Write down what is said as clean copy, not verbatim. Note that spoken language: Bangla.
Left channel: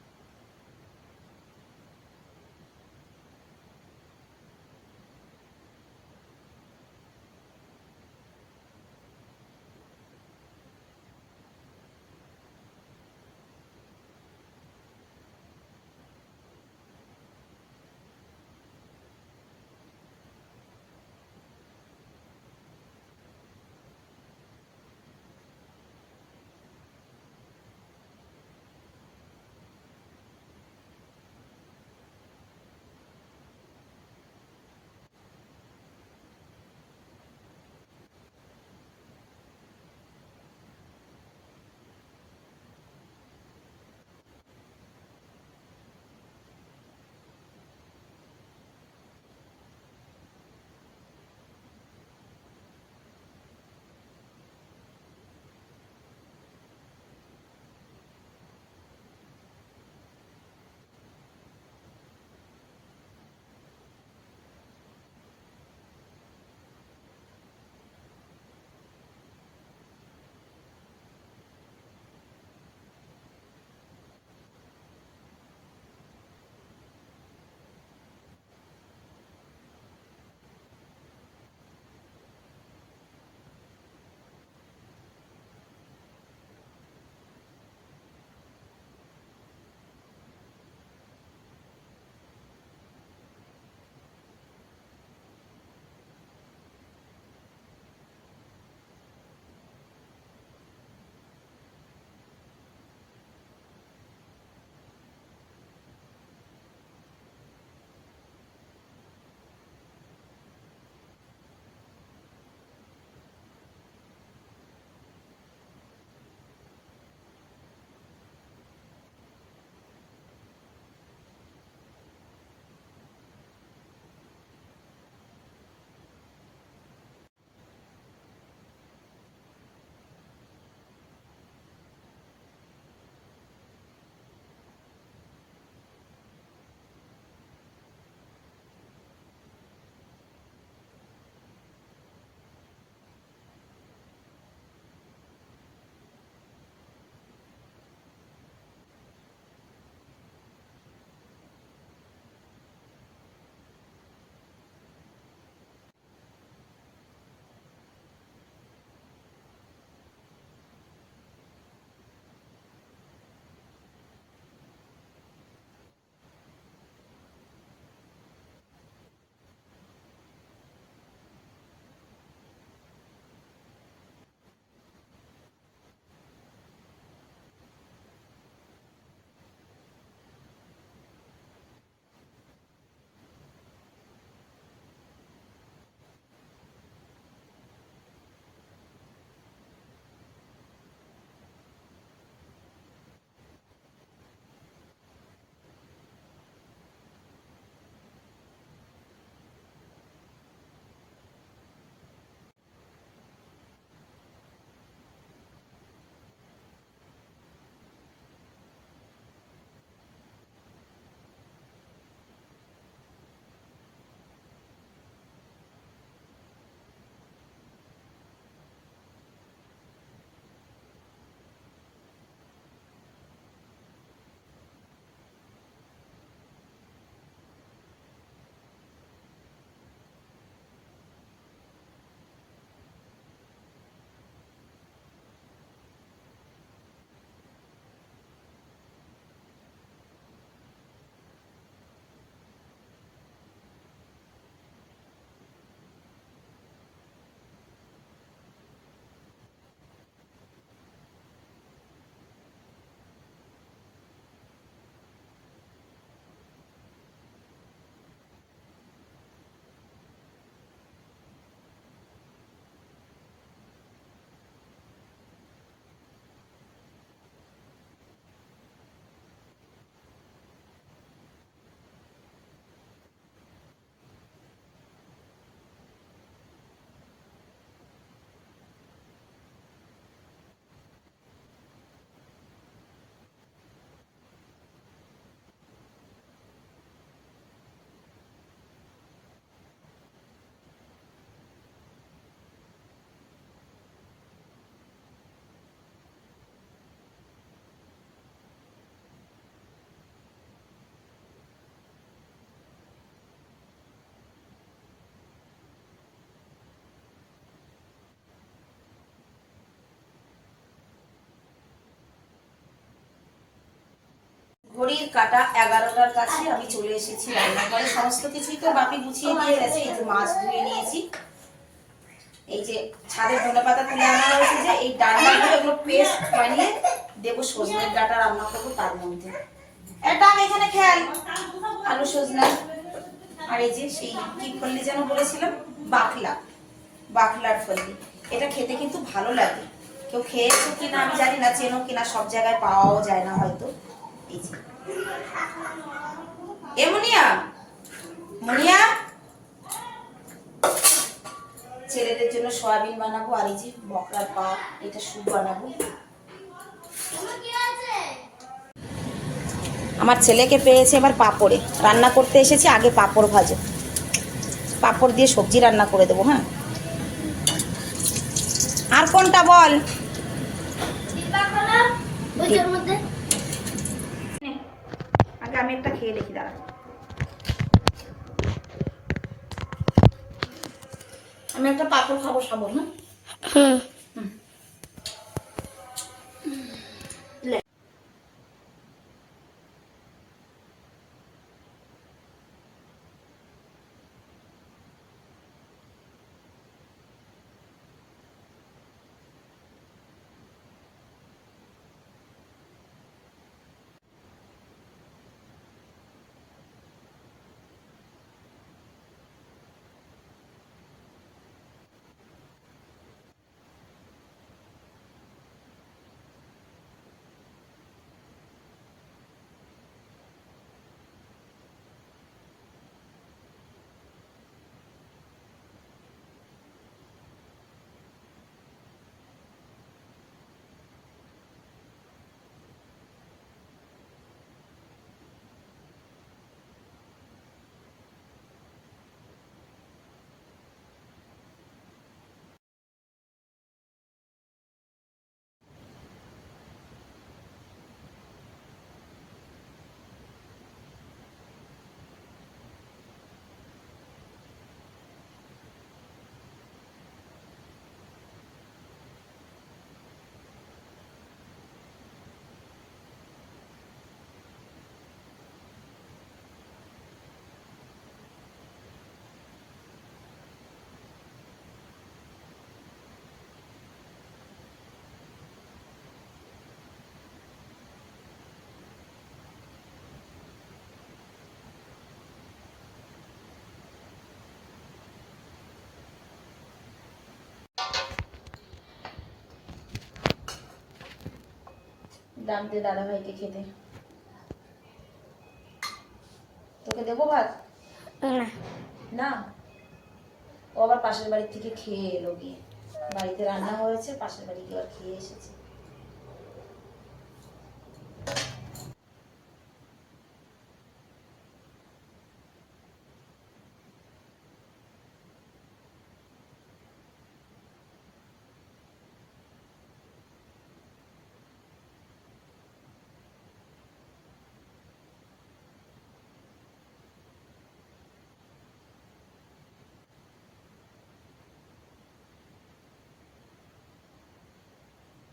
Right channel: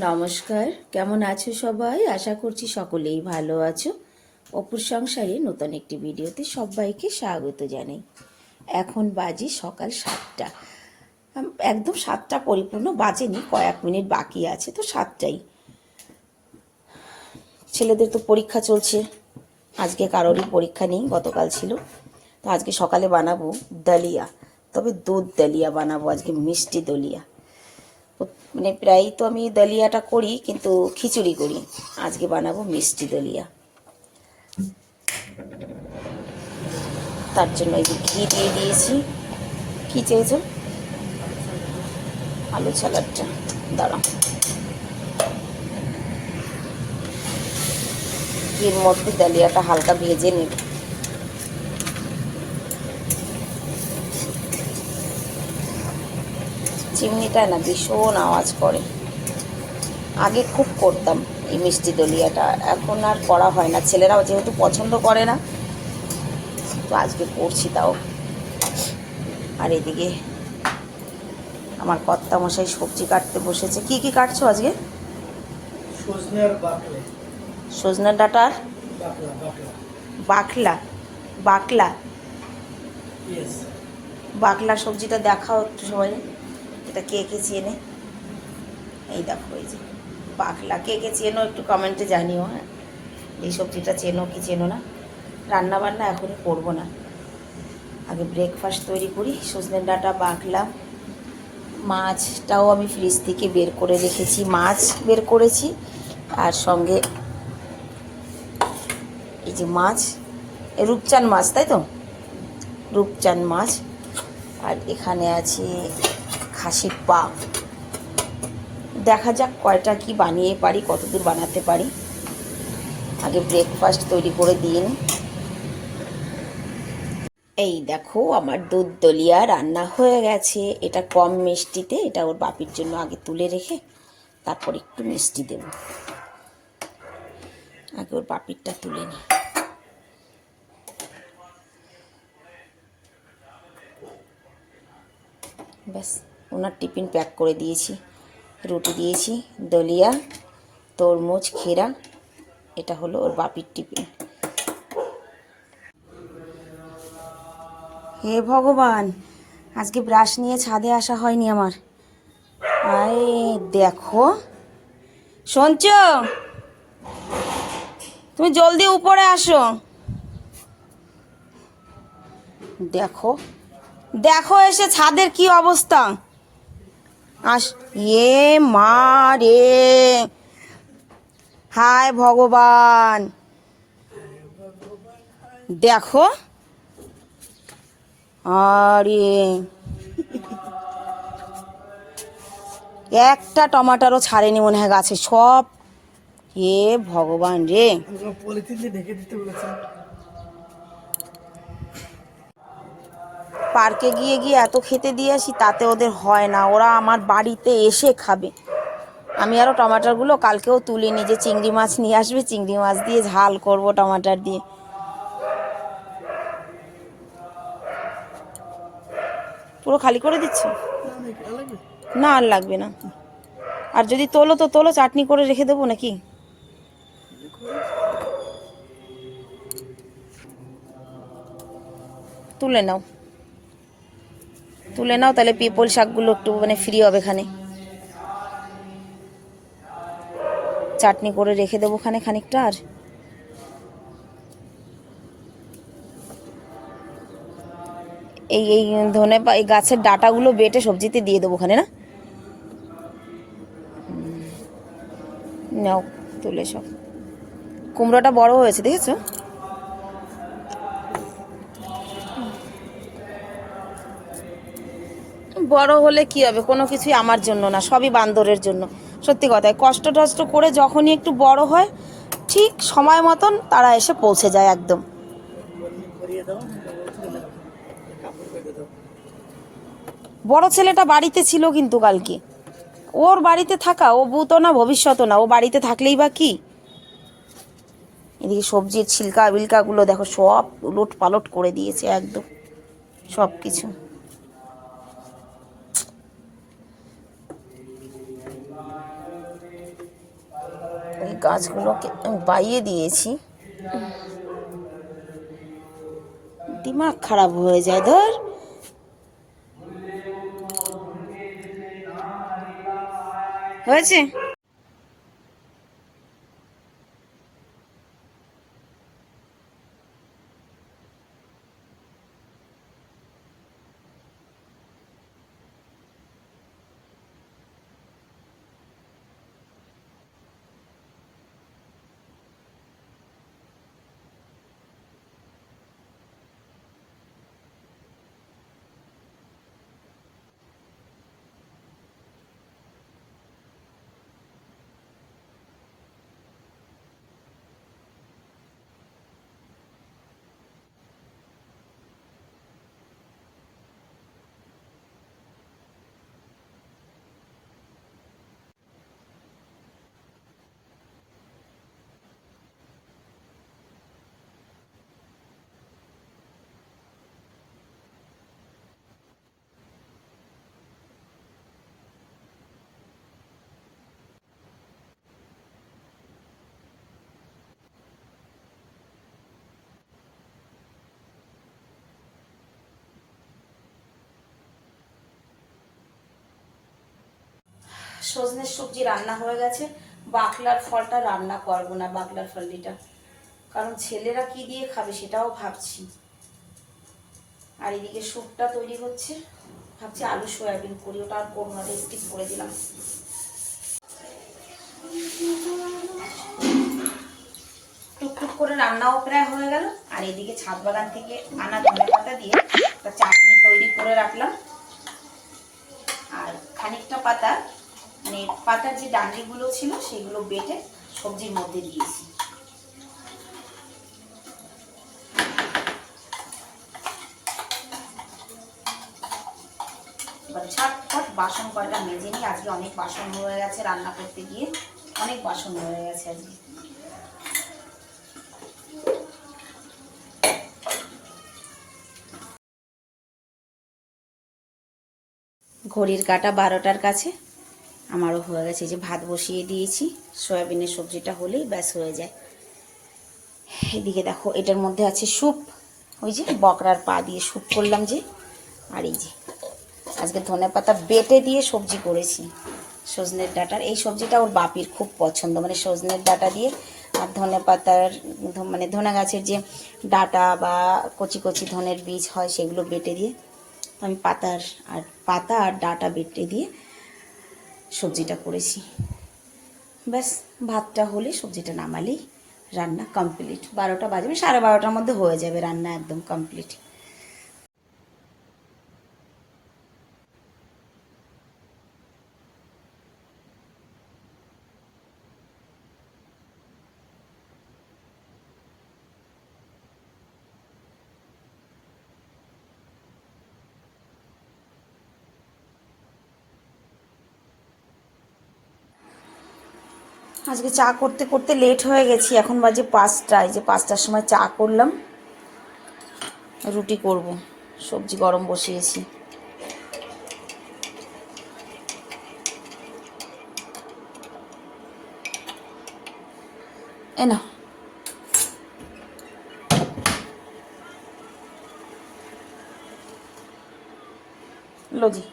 নমস্কার, কেমন আছো সবাই? আশা করছি সকলেই ভালো আছো। অপুর সংসারে নতুন একটি ভিডিওতে সবাইকে স্বাগত জানাই। এখন বাজে সকাল 7টা, একদম 7টা পরিপূর্ণ বাজেনি, কয়েক মিনিট বাকি আছে, তো 7টাই। ছেলেদের তো পরীক্ষা চলছে, আজকে কারোরই পরীক্ষা নেই, গতকাল ছিল। তো আজকে সকালে বানাবো দলিয়া, তবে দুধ দলিয়া বানাবো আজকে, মিষ্টি দলিয়া। মানে প্রায়ই তো আমি দলিয়াটা করি, কিন্তু খিচুড়ি করি। আজকে বানাবো মিষ্টি দলিয়া। তার জন্য এই যে ঘি দিয়ে দিয়েছি। কী চেয়েছো? আলু স্যালাডটা দাঁড়াও, ঘির মধ্যে দলিয়াটা হালকা ভেজে নেব। চিমনিটা না ভীষণ আওয়াজ করে। আগে খুব করতাম এই মিষ্টি দলিয়াটা, এখন আর করা হয় না, ছেলেরাও যেহেতু পছন্দ করে না, তো আজকে করছি তাও। আর এদিকে আমার কর্তামশাই সবজি কাটতে বসেছে। কি কি কাটছো আজকে? সজনের ডাঁটা আর বাকলা। বাকলা বাকলা সবজিটা দেখাও একটু সবাই, এটা কে কে চেনে। এই দেখো, এই যে বাকলা, কে কে চেনো একটু কমেন্টে জানিও। হ্যাঁ, এই সবজিটা চেনো কি চেনো না। রান্না বান্না এখনই করবো না, আগে ব্রেকফাস্ট তৈরি করি। সজনের ডাঁটা, বাকলা, মাছটাও আমি ফ্রিজ থেকে বের করে রেখেছি, মাছ বের করেছি। আর সঙ্গে এই যে মাছ, রূপচাঁদ মাছ, তাই তো, রূপচাঁদ মাছ। আর এখানে আছে খাসির পা। দেখা যাক কয়টা কি বানিয়ে পারি, কতদূর বানাতে পারি। আগে ব্রেকফাস্ট তৈরি করে দিন। এই দেখো, আমার দুধ দলিয়া রান্না হয়ে গেছে। এটা কম মিষ্টিতে, এটা ওর বাপির জন্য আগে তুলে রেখে তারপর একটু মিষ্টি দেব। আগে ওর বাপিরটা তুলে নিই। ব্যাস, ওনার টিফিন প্যাক করে দিয়েছি। রুটি দিয়েছি, দলিয়া, তরমুজ, খেরা। এটা হলো ওর বাপির টিফিন। হে ভগবান, আজকে ব্রাশ নিয়ে ছাদে আসা হয়নি আমার। আরে দেখো, শুনছ, তুমি জলদি উপরে আসো। দেখো দেখো এসে ছাদের কি অবস্থা। আস, এ মা রে, হায় ভগবান, দেখো। আরে একটা টমাটারও ছাড়েনি মনে হয় গাছে, সব। হে ভগবান রে। পার্কে গিয়ে গিয়ে এত খেতে দিয়ে আসি, তাতে ওদের হয় না, ওরা আমার বাড়িতে এসে খাবে। আমি আরও টমাটারগুলো কালকেও তুলিনি, যে চিংড়ি মাছ নিয়ে আসবে, চিংড়ি মাছ দিয়ে ঝাল করব টমাটার দিয়ে। পুরো খালি করে দিচ্ছ? না, আর লাগবে না। আর যদি তোলো তো তোলো, চাটনি করে রেখে দেবো নাকি? তুলে নাও, তুলে নাও, তাহলে পিপল শাকগুলো একটু মানে ফ্রি হবে, এখানে চাটনি করে রেখে দেবো ওখানে খানিকটা। আর এই এই ধনে এই গাছের ডাঁটাগুলো বেটে সবজিতে দিয়ে দেবো ওখানে, না? নাও, তুলে সব। কুমড়োটা বড় হয়েছে, দেখেছো? বড় হলে কি হবে, কোনো কিছুই আমার জন্য না, সবই বান্দরের জন্য। সত্যি কথায়, কষ্ট টষ্ট করে যখনই একটু বড় হয়, ঠিক সময় মতন তারা এসে পৌঁছে যায় একদম। বড় ছেলেটা বাড়িতে ছিল কিন্তু কালকে, ওর বাড়িতে থাকা, ও ভূত না ভবিষ্যৎ না, ও বাড়িতে থাকলেই বা কি। এদিকে সবজির ছিলকা বিলকাগুলো দেখো, সব উলট পালট করে দিয়েছে একদম সব কিছু। গাছগুলোকে আমি বাইয়ে দিয়েছি, দিমাগ খারাপ হয়ে যায়। ধর হয়েছে। ঘড়ির কাটা 11টার কাছে আমি চলে এসেছি রান্নাঘরে। সমস্ত কিছুই তো বাপি গুছিয়ে দিয়ে গেছে। এই যে মাছ ধুয়ে নিয়েছি, এই যে ছাদের ধনেপাতা তুলে আনা হয়েছে, যে এই ডাঁটাগুলো এগুলো পেস্ট বানিয়ে দেবো, সজনের ডাঁটা রান্না করবো তার মধ্যে। এটা আমি এখানে খেয়াল আলু সজনা, আর এই যে সেই কি ফল্লি যেন বলেছিলাম, বাকলার ফল্লি। এটা খেতে কিন্তু ভালো লাগে। কেউ খেয়েছো কিনা আমি জানি না, চেনো কিনা, সব জায়গায় পাওয়াও যায় না হয়তো। এই যে এমনিয়া মনিয়া, ছেলেদের জন্য সয়াবিন বানাবো, আর এই যে বকরার পা, এটা স্যুপ বানাবো। আমার ছেলেকে পেয়েছে এবার পাঁপড়ে, রান্না করতে এসেছি, আগে পাঁপড় ভাজো, পাঁপড় দিয়ে সবজি রান্না করে দেবো। হ্যাঁ, আর কোনটা বল? আগে আমি একটা খেয়ে দেখি, দাঁড়া। আমি একটা পাঁপড় খাবো, সাবো। হ্যাঁ, সজনের সবজি রান্না হয়ে গেছে। বাকলার ফলটা রান্না করবো না, বাকলার ফলটা, কারণ ছেলেরা কি দিয়ে খাবে সেটাও ভাবছি। আর এদিকে স্যুপটা তৈরি হচ্ছে, ভাবছি আলু সয়াবিন করি, ওটা আর করবো না, স্কিপ করে দিলাম। টুকটুক করে রান্নাও প্রায় হয়ে গেল। আর এদিকে ছাদ বাগান থেকে আনা ধনেপাতা দিয়ে একটা চাটনি তৈরি করে রাখলাম। আর খানিকটা পাতা, মানে পাতার যে ডান্ডিগুলো ছিল সেগুলো বেটে সবজির মধ্যে দিয়েছি। এবার ঝটপট বাসন কয়টা মেজে নিই। আজকে অনেক বাসন হয়ে গেছে, রান্না করতে গিয়ে অনেক বাসন হয়ে গেছে আজকে। ঘড়ির কাটা 12টার কাছে, আমারও হয়ে গেছে। যে ভাত বসিয়ে দিয়েছি, সয়াবিনের সবজিটা হলেই ব্যাস হয়ে যায়। এদিকে দেখো, এটার মধ্যে আছে স্যুপ, ওই যে বকরার পা দিয়ে স্যুপ করলাম যে। আর এই যে আজকে ধনেপাতা বেটে দিয়ে সবজি করেছি সজনের ডাঁটার। এই সবজিটা ওর বাপির খুব পছন্দ, মানে সজনের ডাঁটা দিয়ে আর ধনেপাতার, মানে ধনে গাছের যে ডাঁটা বা কচি কচি ধনের বীজ হয় সেগুলো বেটে দিয়ে, আমি পাতা আর ডাঁটা বেটে দিয়ে সবজিটা করেছি। ব্যাস ভাতটা হলে সবজিটা নামালেই রান্না কমপ্লিট। 12টা বাজবে, 12:30টার মধ্যে হয়ে যাবে রান্না একদম কমপ্লিট। ডাক দে দাদা ভাইকে খেতে। তোকে দেবো ভাত? না, ও আবার পাশের বাড়ি থেকে খেয়ে এলো গিয়ে। বাড়িতে রান্না হয়েছে, পাশের বাড়ি গিয়ে খেয়ে এসেছে। আজকে চা করতে করতে লেট হয়ে গেছি, এখন বাজে 5টা। এই যে 5টার সময় চা করলাম, রুটি করব, সবজি গরম বসিয়েছি। এ না, লজি